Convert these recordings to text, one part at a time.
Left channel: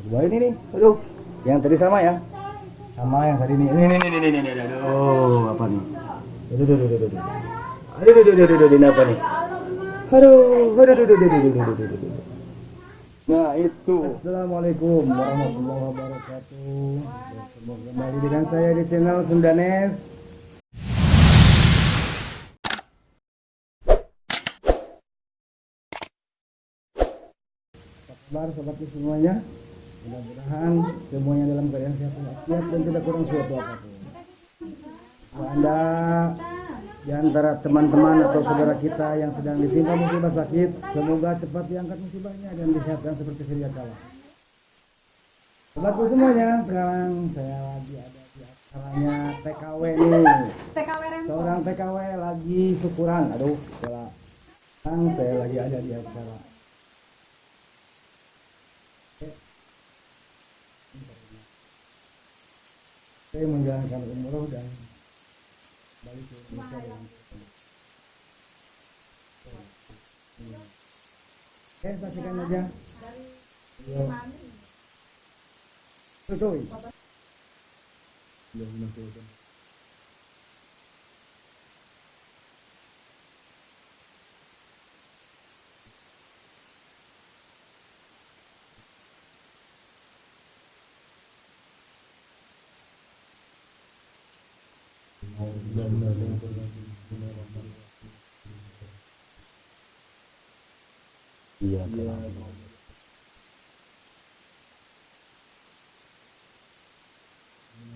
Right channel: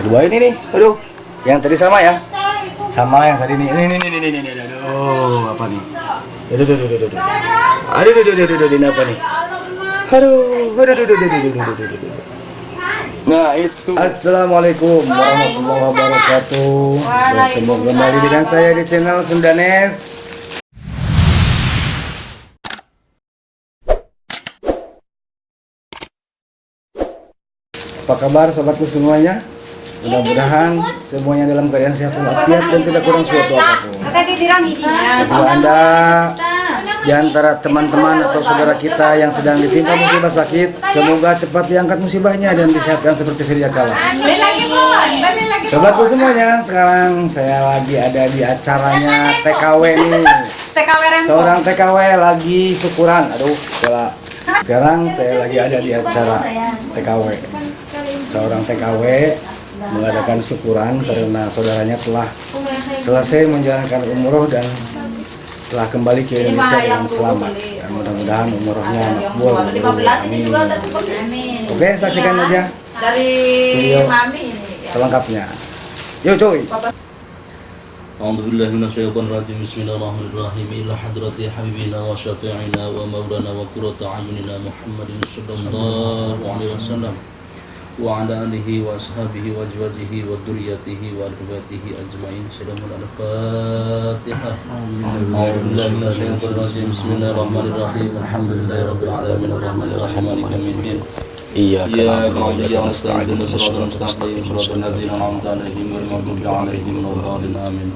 kedua ini nih, aduh, yang tadi sama ya, sama yang tadi nih, ini, aduh, apa nih, aduh, ini apa nih, aduh. Nah itu. Assalamualaikum warahmatullahi wabarakatuh. Bertemu kembali dengan saya di channel Sundanes. Apa kabar sobatku semuanya? Mudah-mudahan semuanya dalam keadaan sehat walafiat dan tidak kurang suatu apapun. Bagi Anda di antara teman-teman atau saudara kita yang sedang ditimpa musibah sakit, semoga cepat diangkat musibahnya dan disehatkan seperti sedia kala. Sobatku semuanya, sekarang saya lagi ada di acaranya TKW nih. Seorang TKW lagi syukuran. Aduh, salah. Sekarang saya lagi ada di acara TKW. Seorang TKW mengadakan syukuran karena saudaranya telah selesai menjalankan umroh dan telah kembali ke Indonesia dengan selamat. Dan mudah-mudahan umrohnya makbul. Amin. Oke, saksikan aja video selengkapnya. Yo coy. A'udzubillahi minasyaitonirrajim. Bismillahirrahmanirrahim. Ila hadrati habibina wa syafi'ina wa maulana wa qurratu a'yunina Muhammadin sallallahu alaihi wasallam wa ala alihi wa ashabihi wa azwajihi wa dzurriyyatihi wa ahlibatihi ajmain. Salamun al-Fatihah. A'udzubillahi minasyaitonirrajim. Bismillahirrahmanirrahim. Alhamdulillahirabbil alamin arrahmanir rahim maliki yaumiddin. Iyyaka na'budu wa iyyaka nasta'in. Ihdinas siratal mustaqim. Shiratal ladzina an'amta 'alaihim ghairil maghdubi 'alaihim waladdallin. Amin.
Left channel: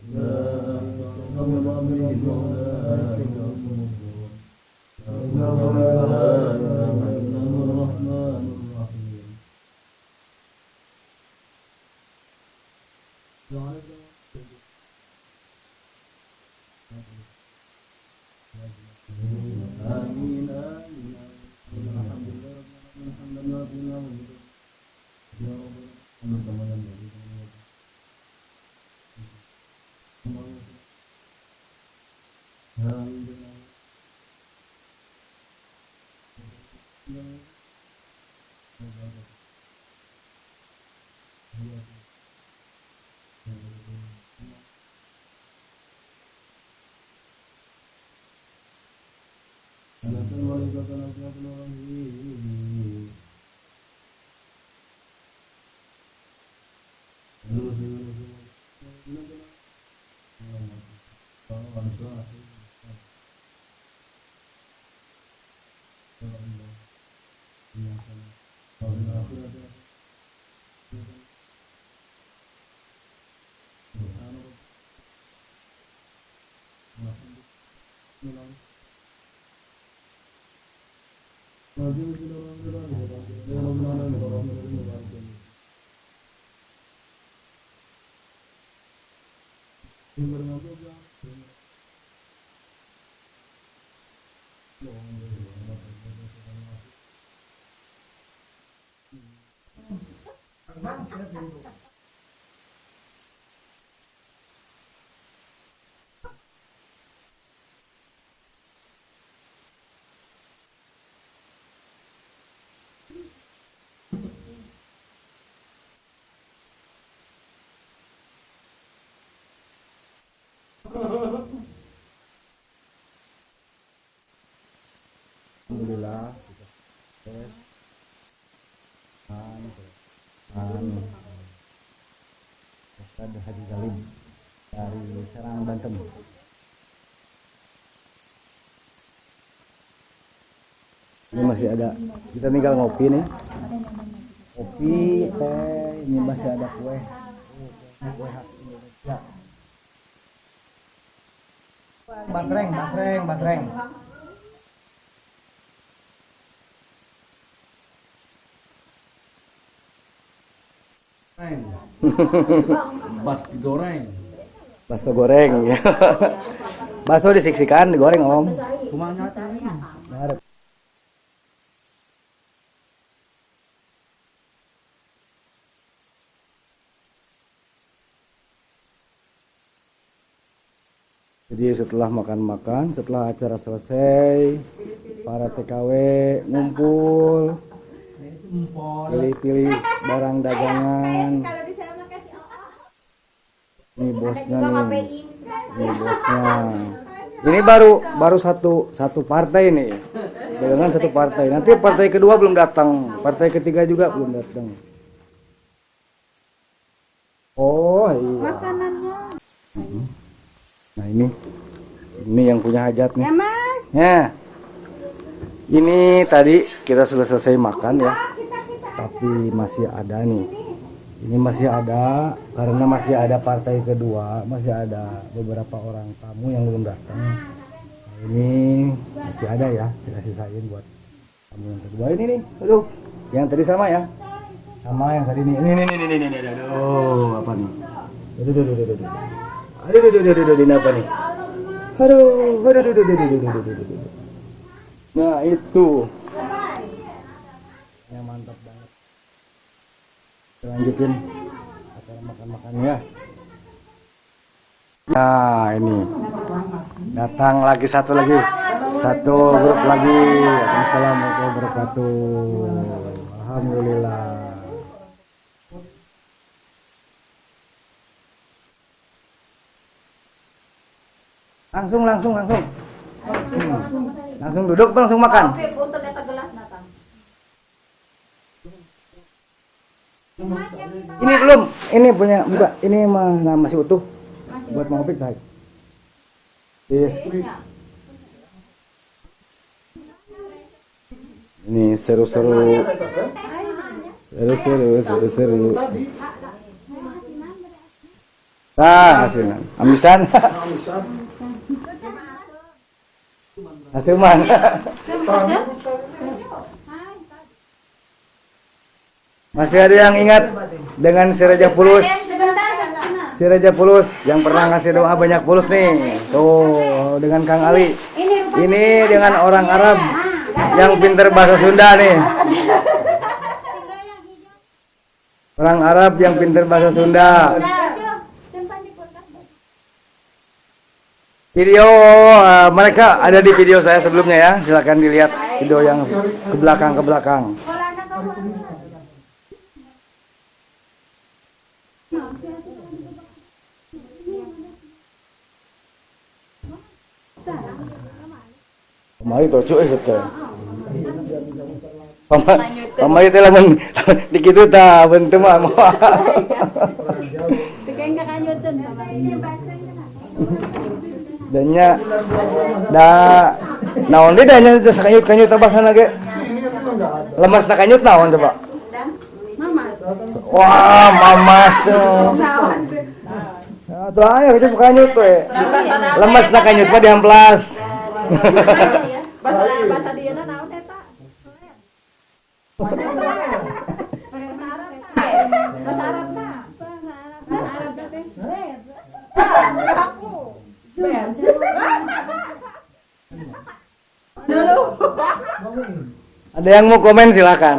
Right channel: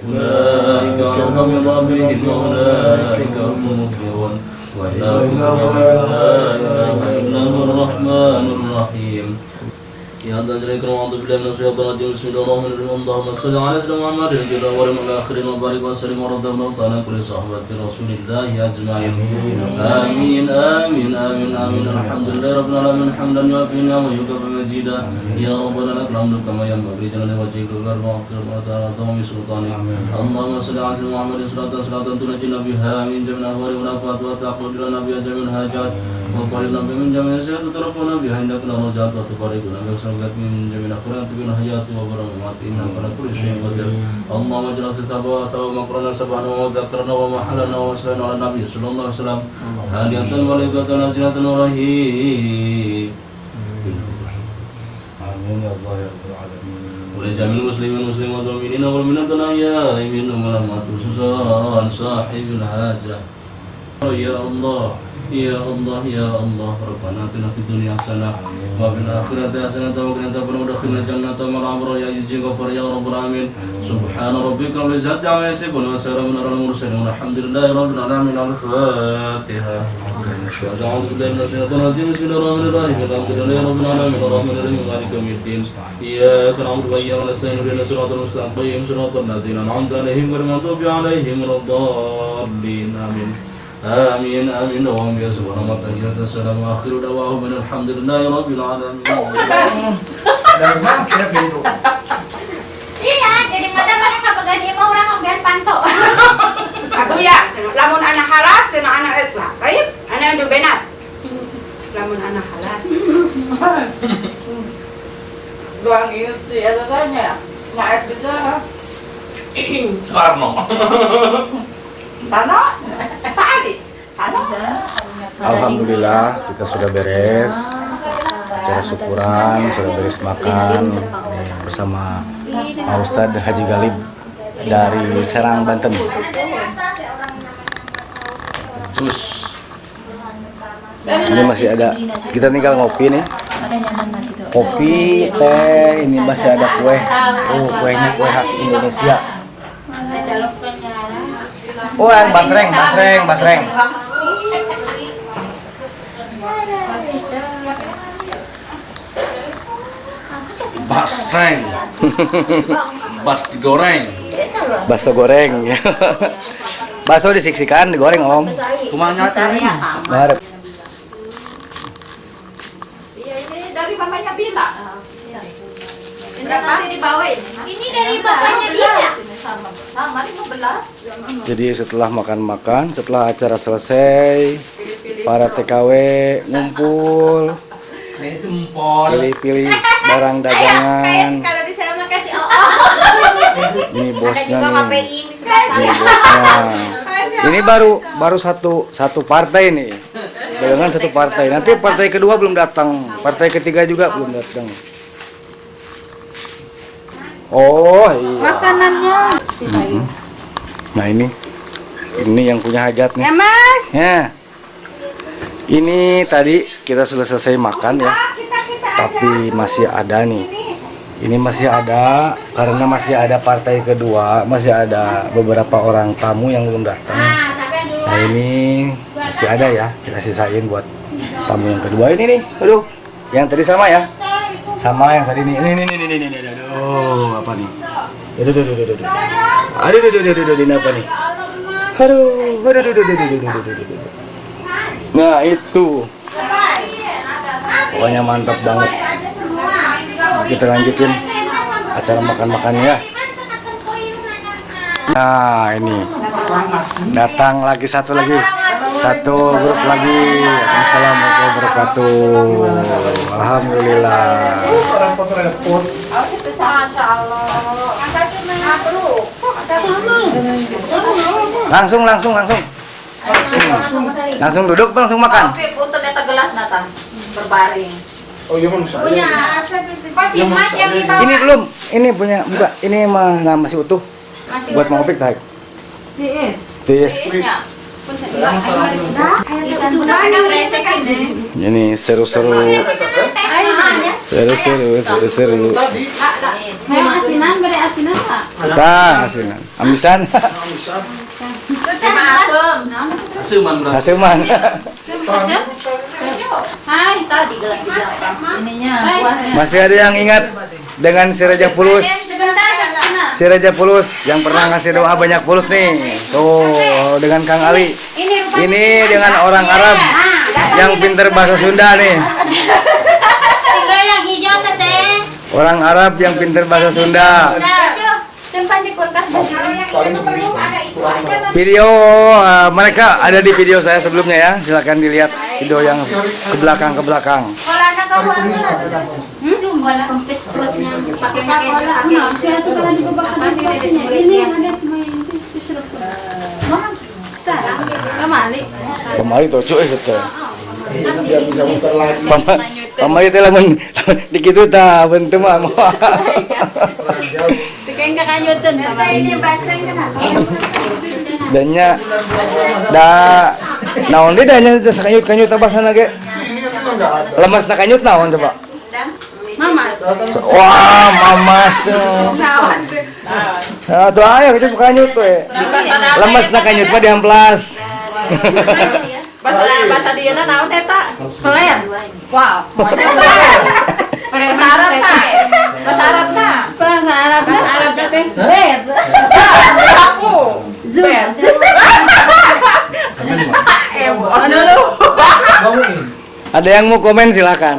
Ulaika 'alahum rabbihim wa ulaika humul muflihun. Wa la ilaha illallahur rahmanur rahim. Ya Allah jalla wa ala billahi minasyaitonir rajim. Bismillahirrahmanirrahim. Allahumma shalli ala sayyidina Muhammadin wa ala alihi akhirin wa barik wa sallim wa radhiyallahu ta'ala kulli sahabati Rasulillah ajma'in. Amin amin amin amin. Alhamdulillahi rabbil alamin hamdan yu'afina wa yukafi majida. Ya rabbana lakal hamdu kama yanbaghi li jalali wajhika wa wa ta'ala tawmi sultanik. Allahumma shalli ala sayyidina Muhammadin salatan tunajjina biha min jami'il ahwali wal afat wa taqdir lana biha jami'il hajat wa qulna min jami'il sayyi'ati tarafuna biha indaka rajat wa tubarik lana من جميع الخيرات من الحياة وبركات إنك على كل شيء قدير. اللهم اجعل سبحانه سبحانه مقرنا سبحانه وذكرنا ومحلنا وسلنا على النبي صلى الله عليه وسلم هادية ملائكة نازلة ورهيب. آمين يا الله يا رب العالمين. ولجميع المسلمين والمسلمات والمؤمنين والمؤمنات الأحياء منهم والأموات خصوصا صاحب الحاجة. يا الله يا الله يا الله ربنا آتنا في الدنيا حسنة وفي الآخرة حسنة وقنا عذاب النار وادخلنا الجنة مع الأبرار يا عزيز غفار يا رب العالمين. سبحان ربك رب العزة عما يصفون وسلام على المرسلين والحمد لله رب العالمين. الفاتحة. أعوذ بالله من الشيطان الرجيم. بسم الله الرحمن الرحيم. الحمد لله رب العالمين الرحمن الرحيم مالك يوم الدين. إياك نعبد وإياك نستعين اهدنا الصراط المستقيم صراط الذين أنعمت عليهم غير المغضوب عليهم ولا الضالين. آمين. آمين آمين. اللهم يا سبحان الله تحيات السلام وآخر دعواهم من الحمد لله رب العالمين. Iya, jadi mana kapag mau orang ngomong panto. Aku ya, lamun anak halas, anak etlah. Kayak anak yang benat. Lamun anak halas. Doang itu ya katanya. Nggak bisa. Karno. Tanah. Alhamdulillah kita sudah beres acara syukuran, sudah beres makan bersama Pak Ustadz Haji Galib dari Serang, Banten. Terus Ini masih ada, kita tinggal ngopi nih. Kopi, teh, ini masih ada kue. Oh, kuenya kue khas Indonesia. Oh, yang basreng. basreng. Bas digoreng. Bakso goreng. Bakso disiksikan, digoreng om. Kumaha nyatanya? Barep. Iya, ini dari bapaknya Bila. Berapa dibawain? Ini dari bapaknya Bila. Sama 15. Jadi setelah makan-makan, setelah acara selesai, para TKW ngumpul itu empol. Pilih-pilih barang dagangan. Kalau di saya mah kasih Ini bosnya juga nih. ngapain di sebelah Ini saya. bosnya. Ini baru satu partai nih. Dagangan satu partai. Nanti partai kedua belum datang. Partai ketiga juga belum datang. Oh iya. Makanannya. Nah ini yang punya hajat nih. Ya Mas. Ya. Ini tadi kita sudah selesai makan ya. Tapi masih ada nih. Ini masih ada karena masih ada partai kedua, masih ada beberapa orang tamu yang belum datang. Nah ini masih ada ya, kita sisain buat tamu yang kedua ini nih. Aduh, yang tadi sama ya, sama yang tadi nih. Ini, aduh apa nih? Aduh, apa nih? Aduh. Nah itu, pokoknya mantap banget. Kita lanjutin acara makan-makannya ya. Nah ini datang lagi satu grup lagi. Assalamualaikum warahmatullahi wabarakatuh. Alhamdulillah. Langsung duduk, langsung makan. Berbaring. Oh iya Mas. Punya asap itu. Pasti Mas yang dibawa. Ini belum, ini punya bukan, ini mah masih utuh. Masih Buat mau kopi tak? Tiis. Tis. Ini seru-seru. Seru-seru. Asinan, beri asinan Pak. Tah, asinan. Amisan. Asuman berarti. Asuman. Hai, tadi gelap-gelap. Ininya buahnya. Masih ada yang ingat dengan si Raja Pulus? Sebentar, Si Raja Pulus yang pernah ngasih doa banyak pulus nih. Tuh, dengan Kang Ali. Ini dengan orang Arab yang pinter bahasa Sunda nih. Tiga yang hijau teteh. Orang Arab yang pinter bahasa Sunda. Simpan di kulkas. Video mereka ada di video saya sebelumnya ya. Silakan dilihat video yang ke belakang. Kalau anak kamu bola kempis perutnya pakai bola. Nah, saya tuh kalau dibakar ini ada cuma yang itu serap. Kemali. Pamali tuh cuy setel. Pamali teh lamun dikitu tah bentu mah. Tikeng kakanyuteun sama ini basreng kana. Danya naon deui danya sakanyut-kanyut abasana ge. Lemas na kanyut naon coba? Mamas. Wah, mamas. Nah, tuh ayo kita kanyut we. Lemas na kanyut mah diamplas. Bahasa dieuna naon eta? Peler. Wow, maunya peler. Bahasa Arab na. Bahasa Arab na. Bahasa Arab teh. Bet. Aku. Zoom. Ada yang mau komen silakan.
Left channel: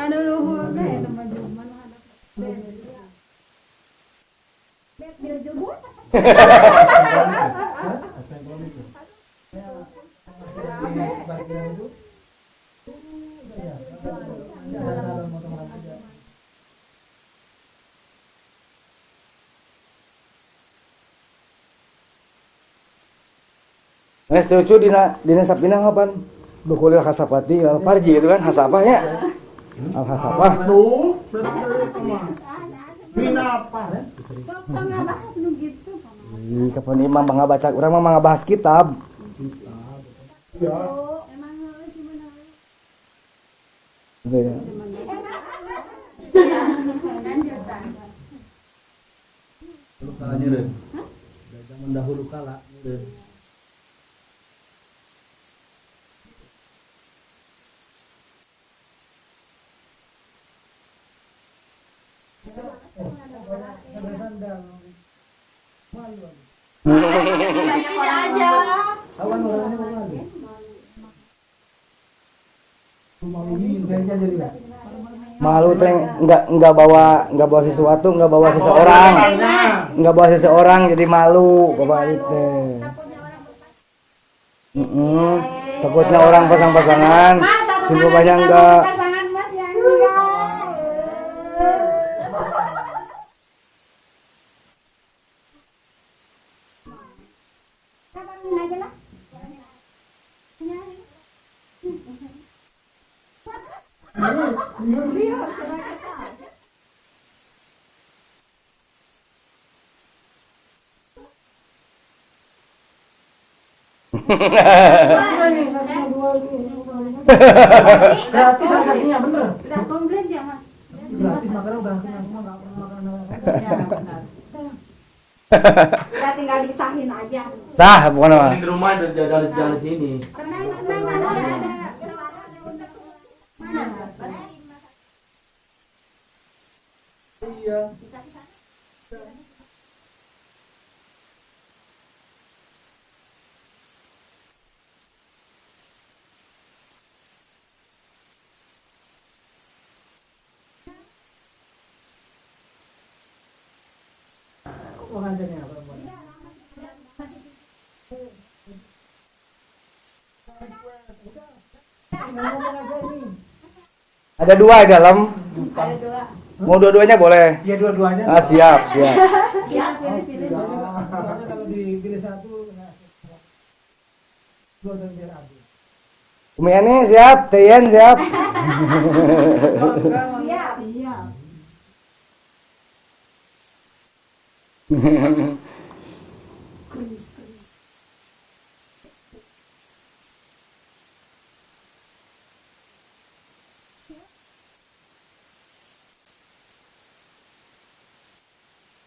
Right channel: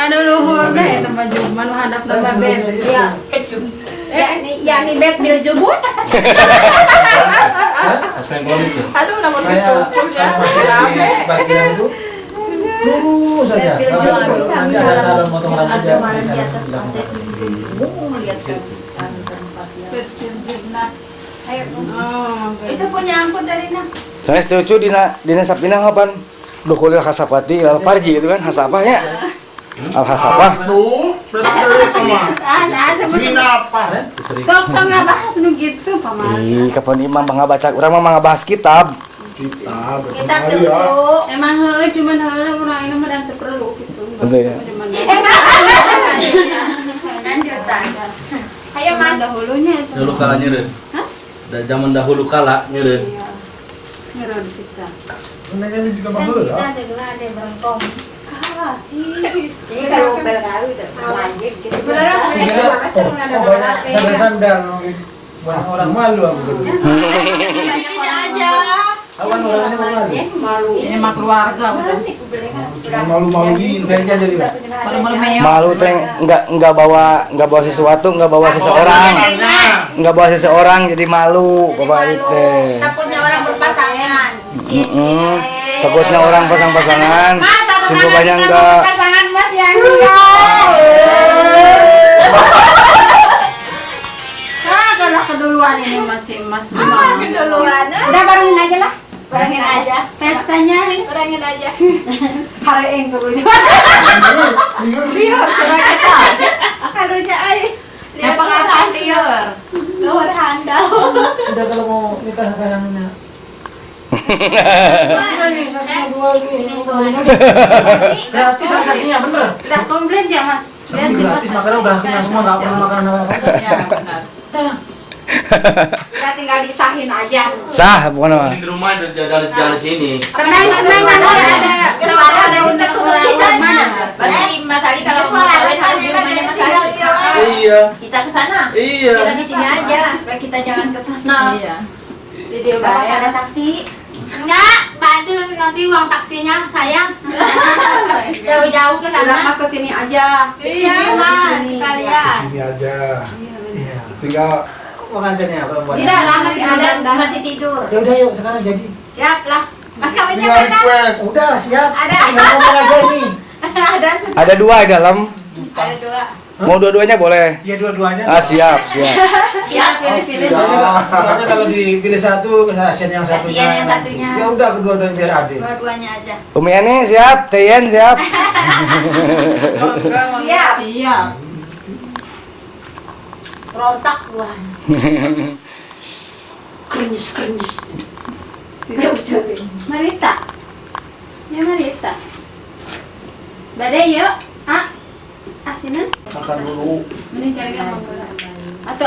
Anu luhur deh tempat juman hadap sama bet. Iya. Yani bet bil jubut. Aduh, namun Facebook ya. Bagian itu lurus saja. Nanti ada salon potong rambut ya. Itu punya angkut dari nah. Saya setuju dina sapina kapan dukulil hasapati al parji itu kan hasapah ya. Al hasapah. Aduh, dari kemana? Mina apa? Kok sok ngabahas nu gitu pamali. Kapan imam bangga baca urang mah ngabahas kitab. Kita Kita tuju. Emang heueuh cuman heueuh urang ini mah dan teu perlu gitu. Betul ya. Lanjutan. Ayo Mas dahulunya itu. Dulu kala nyeureun. Hah? Dan zaman dahulu kala nyeureun. Ngeron pisan. Mereka juga bagus. dulu ada berengkong. Kalah sih. Ini kalau bergaru itu lanjut gitu. Beneran Sandal-sandal buat orang malu aku gitu. Tidak aja. Awan orangnya malu. Malu. Ini mah keluarga bukan. Malu-maluin kan dia jadi. Malu-malu meyong. Malu teh enggak bawa sesuatu, enggak bawa seseorang. Enggak bawa seseorang jadi malu bapak teh. Takutnya orang berpasangan. Takutnya orang pasang-pasangan. banyak enggak. Pasangan Mas yang enggak. Kalau keduluan ini masih Keduluan. Udah barengin aja lah. barengin aja. Pestanya Barengin aja. hari yang dulunya. Liur sebagai kita. Harunya ay. Lihat pengakuan liur. Luar handal. Sudah kalau mau nikah sayangnya. Mana nih satunya dua ini? Gratis harganya bener. Udah komplit ya Mas. Lihat sih Mas. Gratis makanan udah kenyang semua nggak perlu makanan apa-apa. Iya benar. Kita tinggal disahin aja. Sah bukan apa? Di rumah jalan sini. Tenang ada undang Mana Mas? Berarti Mas Ali kalau mau kawin harus di rumahnya Mas Ali. Iya. Kita ke sana. Iya. Kita di sini aja. Supaya kita jangan ke sana. Iya. Jadi dia Bapak bayar. ada taksi? Enggak, Pak Adil nanti uang taksinya sayang. Jauh-jauh ke sana. Mas ke sini aja. Iya, Mas, sekalian. Sini aja. Iya. Tinggal Pengantinnya perempuan. Tidak lah, masih ada. Masih tidur. Ya udah yuk sekarang jadi. Siap lah. Mas kawinnya tinggal kapan? request. Udah siap. Ada. Tinggal ngomong aja ini. Ada. Ada 2 di dalam. Ada 2. Mau dua-duanya boleh. Ya dua-duanya. Ah siap. Siap pilih-pilih. Soalnya kalau dipilih satu, kasihan yang satunya. Kasihan yang satunya. Ya udah kedua-duanya biar adil. Dua-duanya aja. Umi Ani siap, Tian siap. Siap. Siap. Rontak luar. Krenyes. Siap. Marita. Ya Marita. Badai yuk. Ah. Asinan. Makan dulu. Mending cari gambar. Atau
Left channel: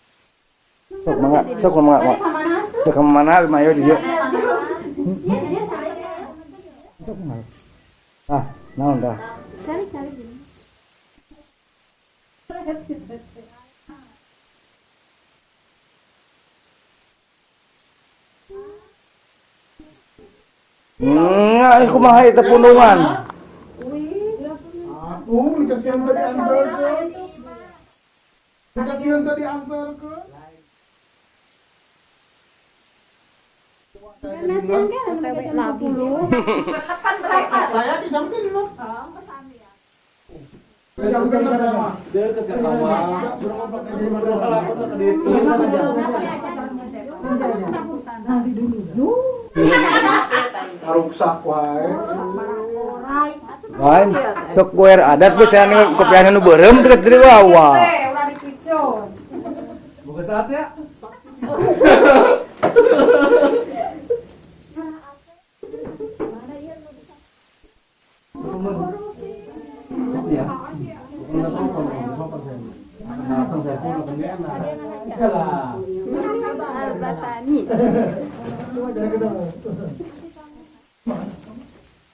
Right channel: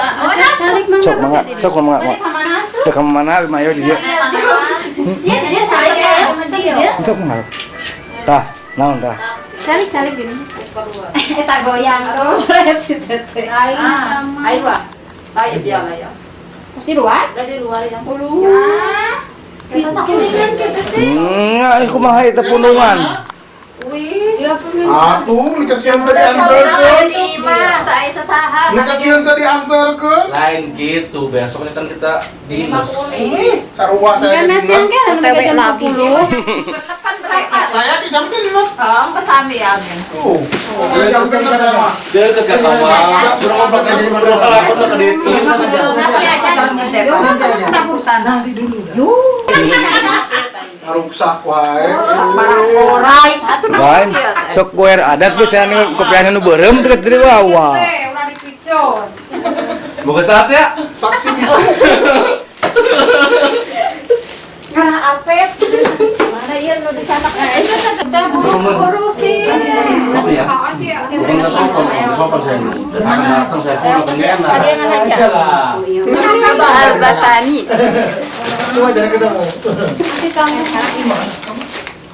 calik mana? Sok mangga, sok mangga. Balik ke mana? Sok ke mana Mayo di dia. Iya, dia calik ya sama dia. Sok mangga. Tah, naon tah? Calik gini. Eta goyang tuh. Si Tete. Ayo Pak. Ayo biar ya. Terus di luar? Dari luar yang Kita sakulingan kita sih. Aku mah itu punungan. Atuh, ini kasihan tadi Ayo antarkan. di mah tak asa saha. Ini kasihan tadi antarkan. Lain gitu. Besoknya kan kita dinas. Sarua saya di Nasian dinas. kan TW labu. Tekan berapa? Saya di jam dinas. Oh, kesami ya Agen. Tuh. Di jam dinas sama. Dia ke kamar. Suruh ngobrol ke lapor ke itu. Nanti dulu. Ngaruksak wae. Orai. Atuh Lain, sok kuer adat bisa nih kopiannya nu beureum teu dari bawah. Udah dipicon. Buka saat ya. Saksi bisa. Karena apet. Mana ieu nu dicatak itu teteh buru-buru sih. Apa ya? Makasih ya. Bukan nggak sopan saya. Akan datang saya pun bukan enak. Aja lah. Albatani. Coba jangan ketemu.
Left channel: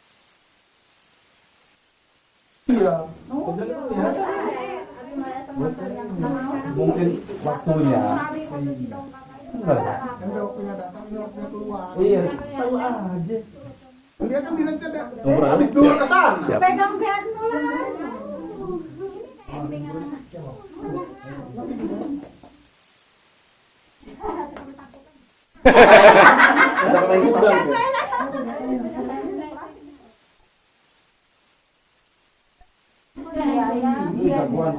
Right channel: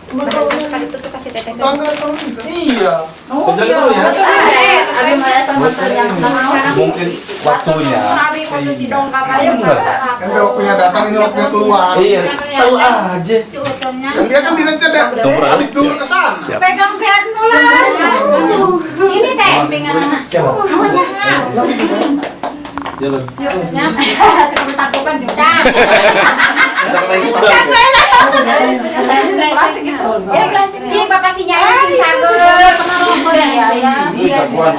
Tadi tuh kasih teteh. Tangga kamu nikah. Iya. Bentar dulu ya. Abi mana teman-teman yang Mungkin waktunya. Nabi kudu si dongkap aja. Kan kalau punya datang ini waktunya keluar. Iya. Tahu aja. Dan dia kan dinasnya ada. Habis dur ke sana. Pegang biar nular. Ini teh pengen anak. Siapa? Jalan. Takut-takutan juga. Kita main kuda. Plastik itu. Ya plastik. Si bapak si nyai sabar pengaruh ya. Ih, kakuan.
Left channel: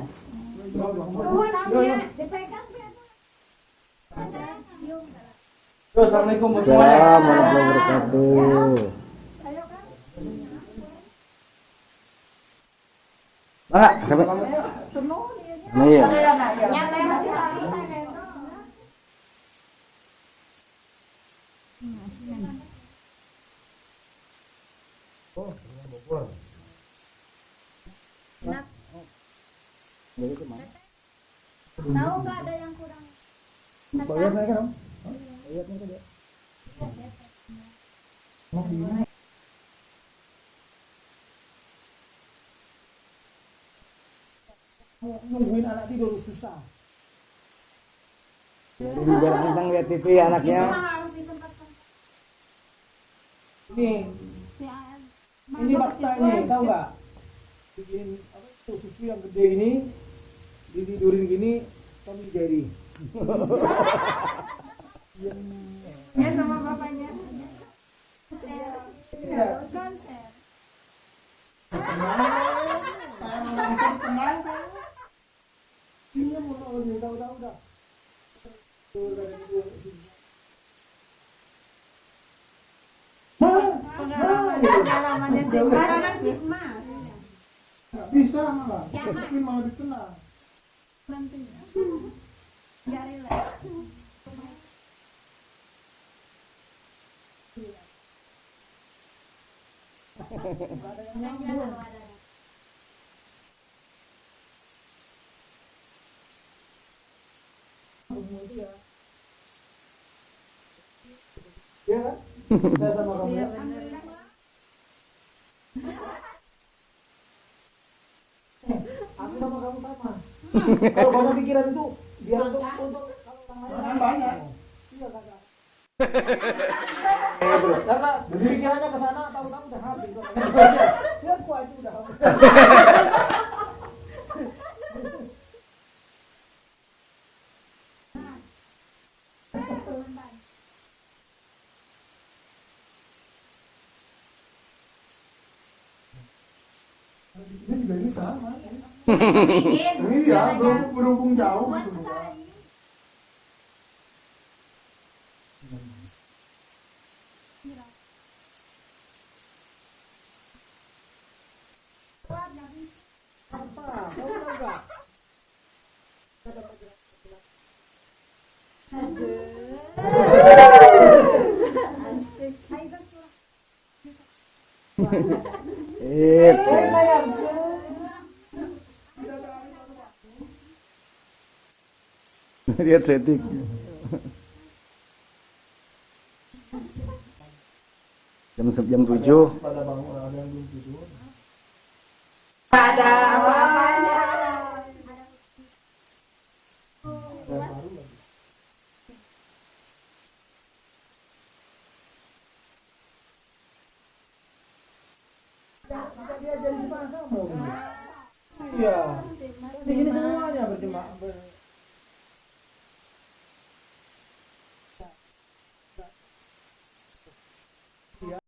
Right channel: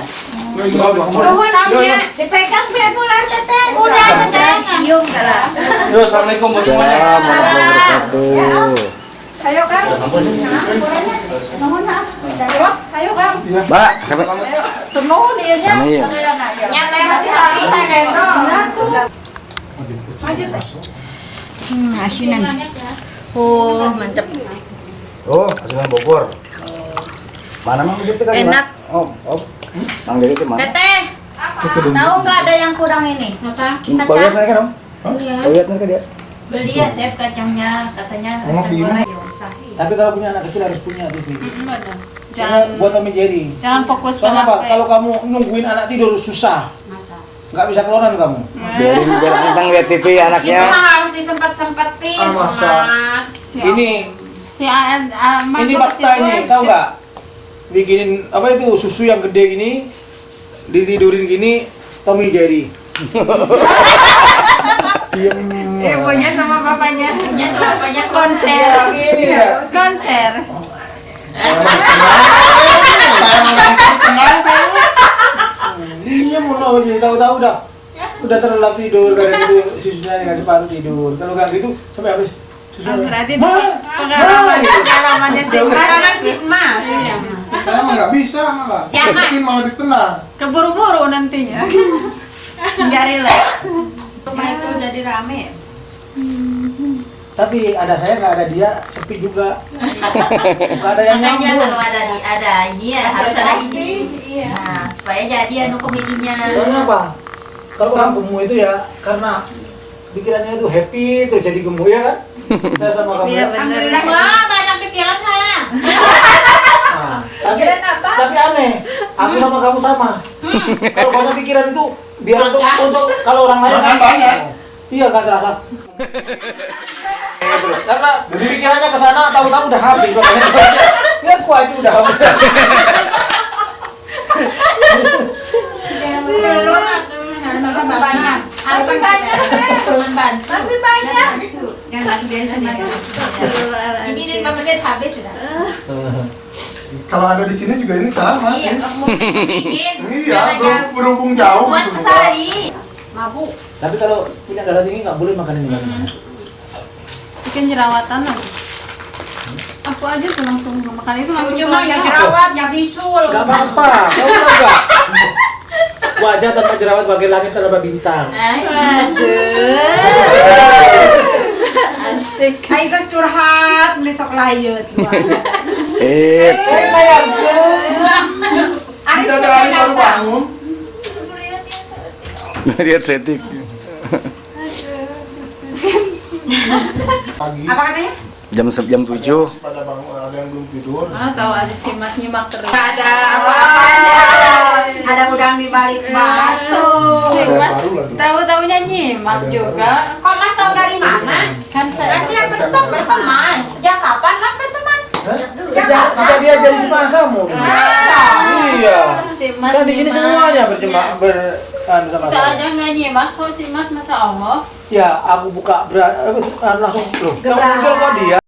Nuhun amnya dipegang biar nular teteh. Udah teteh. Cium lah. Yo, assalamualaikum warahmatullahi Assalamualaikum warahmatullahi. Ayo Kang. Nuhun ah. Ayo Kang. Mbak, sampai Nuhun dia nya. Kami ya. Yang lain masih hari teh asinan. Oh, mantap. Oh, asinan Bogor. Mana mang gitu kan? Enak. Oh. Mang gitu mana? Teteh. Tahu nggak ada yang kurang ini? Bayar mereka dong. Bayar mereka dia. Beli ya, Chef, kacangnya katanya Enak kacang ini. goreng. Tapi kalau punya anak kecil harus punya TV. Jangan Jangan buat Tommy Jerry. jangan fokus Soalnya apa? Kalau kamu nungguin anak tidur susah. Nggak bisa keluaran kamu. Biar tentang lihat TV Itu anaknya. mah harus disempet-sempetin, Ah, masa. Mas. Ini si ini fakta ini, tahu nggak? Bikinin apa itu susu yang gede gini, ditidurin gini, Tommy Jerry. Ibunya sama bapaknya. Ibunya sama bapaknya konser. Gini ya. Konser. Saya emang nggak bisa tenang saya. Iya mau aja tahu-tahu udah terlelap tidur kadang gitu susunya nggak separuh tidur. Kalau nggak gitu sampai habis susunya. Berarti itu pengalamannya si Pengalaman si Mas. Saya emang nggak bisa malah. Ya, Mas. Bikin malah ditenang. keburu-buru nantinya. Nggak relax. Rumah itu jadi rame. Tapi ada saya nggak ada dia sepi juga. Nggak ada yang Makanya nyambung. kalau ada ini harus ada ini. Nah, supaya jadi anu komedinya. Soalnya apa? Kalau orang gemuk itu ya karena pikirannya itu happy terus jadi gemuk ya kan? Saya sama kamu. Iya Ya? bener. Wah, banyak pikiran saya. Nah, tapi aneh, aku sama kamu sama. Kalau banyak pikiran itu biar untuk kalau orang lain Makan banyak. Iya nggak terasa. Terus karena pikirannya ke sana tahu-tahu udah habis makanya dia kuat itu udah habis. Masih banyak. Masih banyak. Teman Masih banyak. Yang lagi biarin sendiri. Ini 5 menit habis sudah. Kalau ada di sini juga ini sama Iya, sih. mau bikin. Iya, berhubung jauh Buat gitu. sehari. Mabuk. Tapi kalau punya darah tinggi nggak boleh makan ini. Bikin jerawatan lagi. Aku aja tuh langsung makan itu langsung. Cuma ya jerawat, ya bisul. Gak apa-apa, kamu tahu nggak? Wajah tanpa jerawat bagai langit tanpa bintang. Asik. Ayo guys curhat, besok layut. Sayang, Tidak ada hari baru bangun. Lihat setik. Pagi. Apa katanya? Jam 7. Pada bangun ada yang belum tidur. Tahu ada si Mas nyimak terus. Ada apa-apanya. Ada udang di balik batu. Si Ada yang Mas baru lagi. tahu-tahunya nyimak Ada yang juga. Kok Mas tahu dari mana? Kan saya Berarti yang berteman. Sejak kapan Mas berteman? Sejak dia jadi jemaah kamu. Iya. Si Mas Kan di sini semuanya berjemaah sama Kita saya. aja nggak nyimak kok si Mas, Masya Allah. Ya, aku buka langsung loh. Kamu muncul kok dia?